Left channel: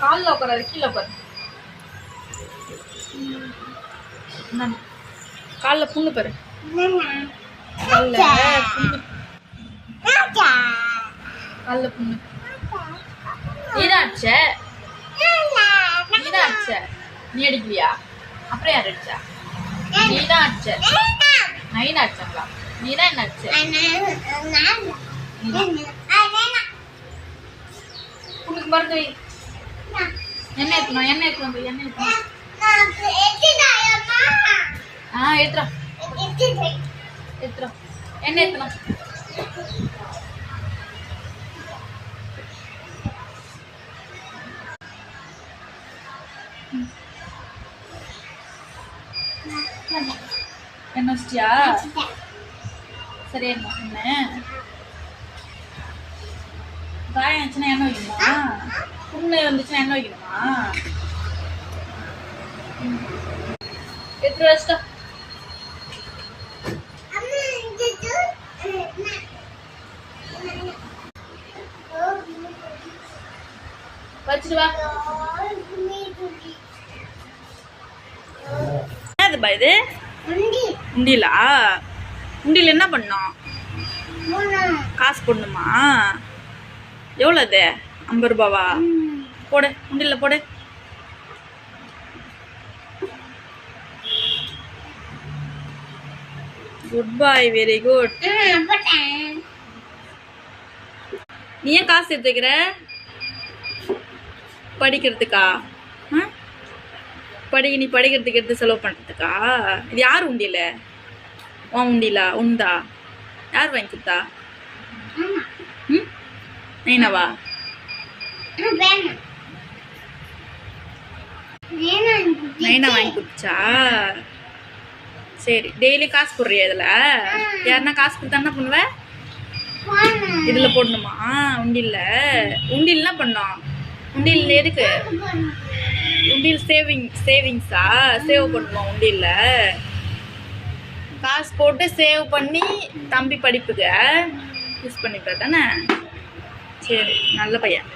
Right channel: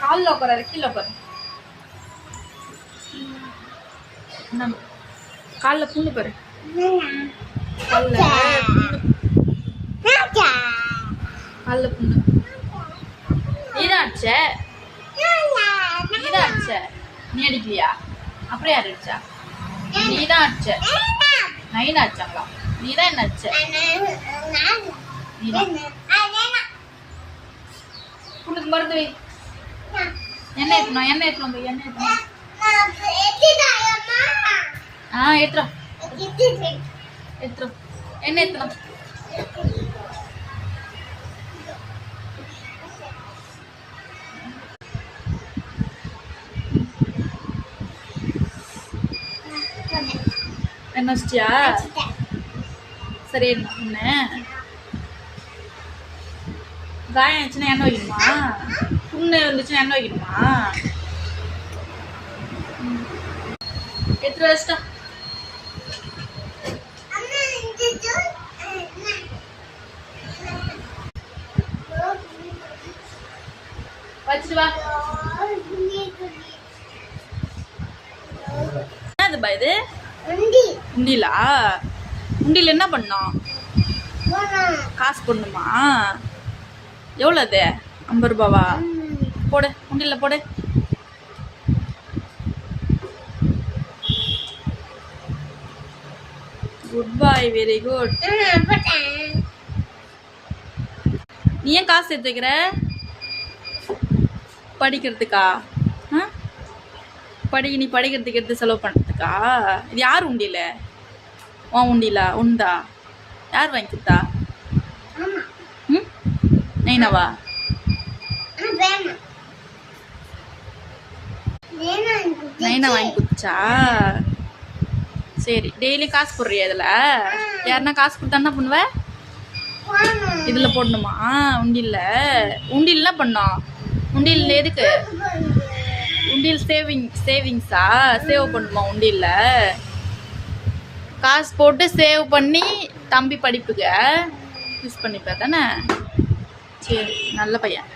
காலில் உட்காராரு, கீழே உட்காரு. காலில் புண்ணு பாரு, காலில் புண்ணு, காலில் புண்ணு. நீதான் அடிச்ச, நீதான் அடிச்ச. நீ அடிக்கலையா? அப்புறம் யார் அடிச்சா? நீதான் அடிச்ச. நைனா அடிச்சாங்களா? நீதான் என்ன அடிச்ச? புண்ணுக்கு மருந்து வை. என்ன ஏற்றணும், என்ன ஏற்றணும், என்ன ஏற்றணும். ஏற்றுறோம் ஏற்றுறோம். என்ன ஏற்றணும்? என்ன வச்சிட்டியா? சரி என்ன காயம் ஆச்சுன்னா என்ன வைக்கணுமா? புண்ணு வந்துச்சுன்னா என்ன வைக்கணுமா? எத்தனை வச்சுட்டா? வச்சுட்டு வா. என்னதுப்பா இது? உண்டியலா? உண்டியல் என்ன பண்ணோம்? காசு போடணுமா? எவ்வளோ அது? 50 ரூபாவா? போடு, உண்டியல்ல போடு. குட் பாய், வெரி குட். நீ ஏன் காசு எடுத்துக்கிற? படிக்கிறதுக்கா? நீ படிக்கிறதுக்கு எடுத்து செலவு பண்ணுறதுக்கா? இது யார் உண்டியல? உன் உண்டியலா? உண்டா? யார் வாங்கி கொடுத்தா? நைனாவா? நைனா வாங்கி கொடுத்தா? சரி, டெய்லி காசு போடுறியா இதில்? யாருன்னா காசு கொடுத்தா என்ன பண்ணுவ? இதில் போடணுமா? உண்டியல்ல? உண்டியல் என்ன பண்ணோம்? உண்டியல் எதுக்கு? உண்டியல் சேவிங்ஸா? சேவ் பண்ணுமா உண்டியல்ல? காசு போட்டு சேவ் பண்ணி தம்பி படிப்புக்கு யூஸ் பண்ணிப்பா தானே? சரி, நல்ல பையன்.